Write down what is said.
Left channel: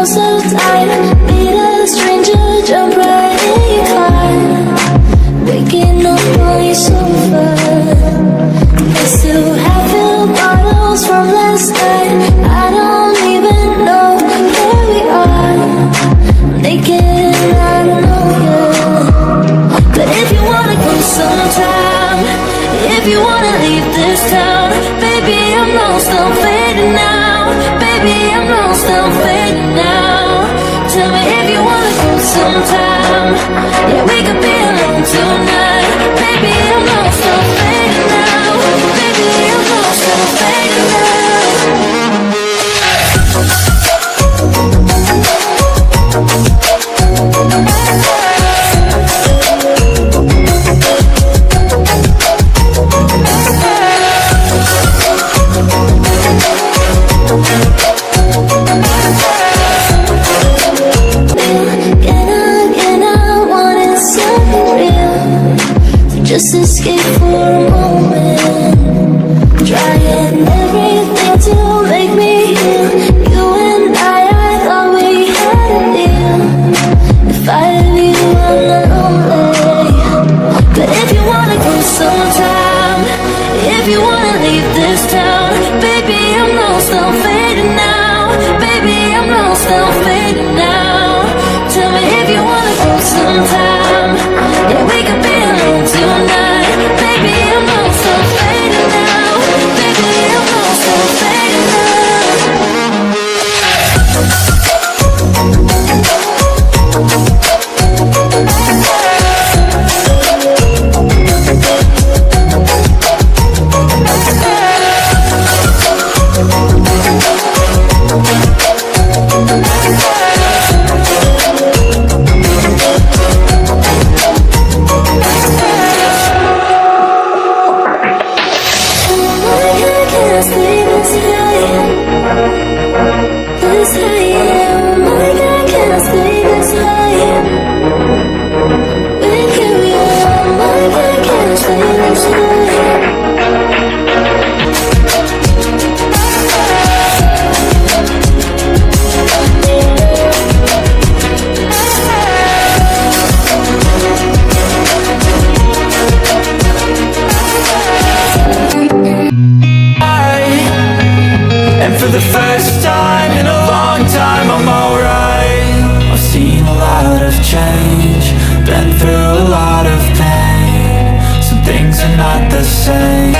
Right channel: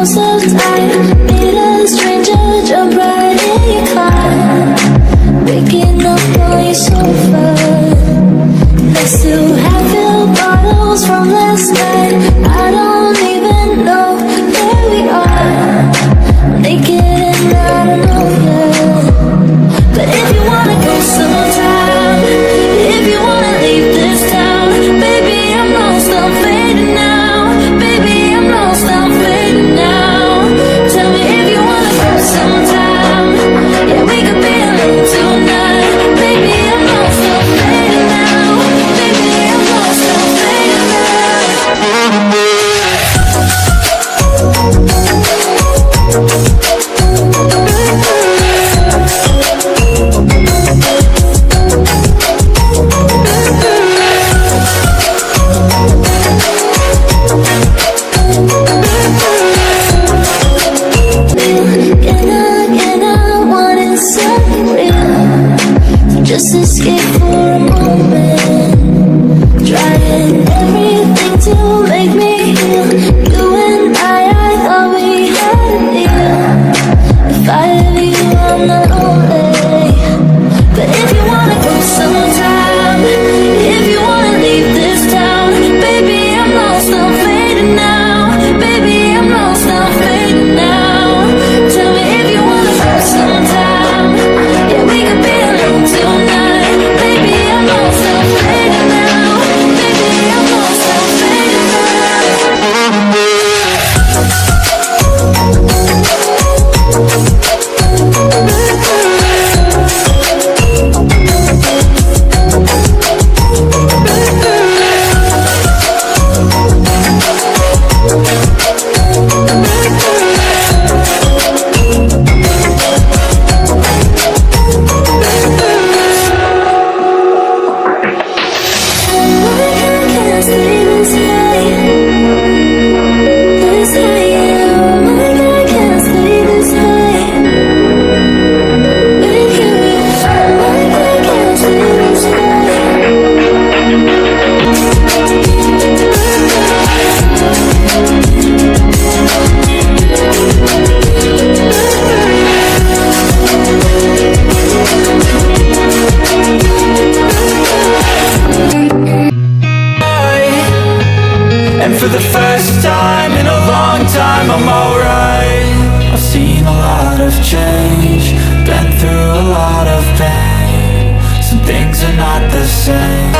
feel so tight. Meet a stranger, jump right in your car. Waking up on your sofa next to half-filled bottles from last night. I don't even know where we are. I'm naked and I don't know you. But if you wanna go sometime, if you wanna leave this town, baby, I'm lost, I'm fading now. Baby, I'm lost, I'm fading now. Tell me if you wanna go sometime. Yeah, we could be alone tonight. Baby, I'm lost, I'm fading now. Baby, I'm lost, I'm fading now. Just escape for a moment, trying everything to make me heal. You and I thought we had a deal. If I have you, I'm not lonely. But if you wanna go sometime, if you wanna leave this town, baby, I'm lost, I'm fading now. Baby, I'm lost, I'm fading now. Tell me if you wanna go sometime. Yeah, we could be alone tonight. Baby, I'm lost, I'm fading now. Baby, I'm lost, I'm fading now. This high, oh my God, can I stay this high? With you, yeah, oh my God, can I stay this high? And for the first time in a long time, I'm alright. I've seen a lot of change, been through a lot of pain. Some things are not the same.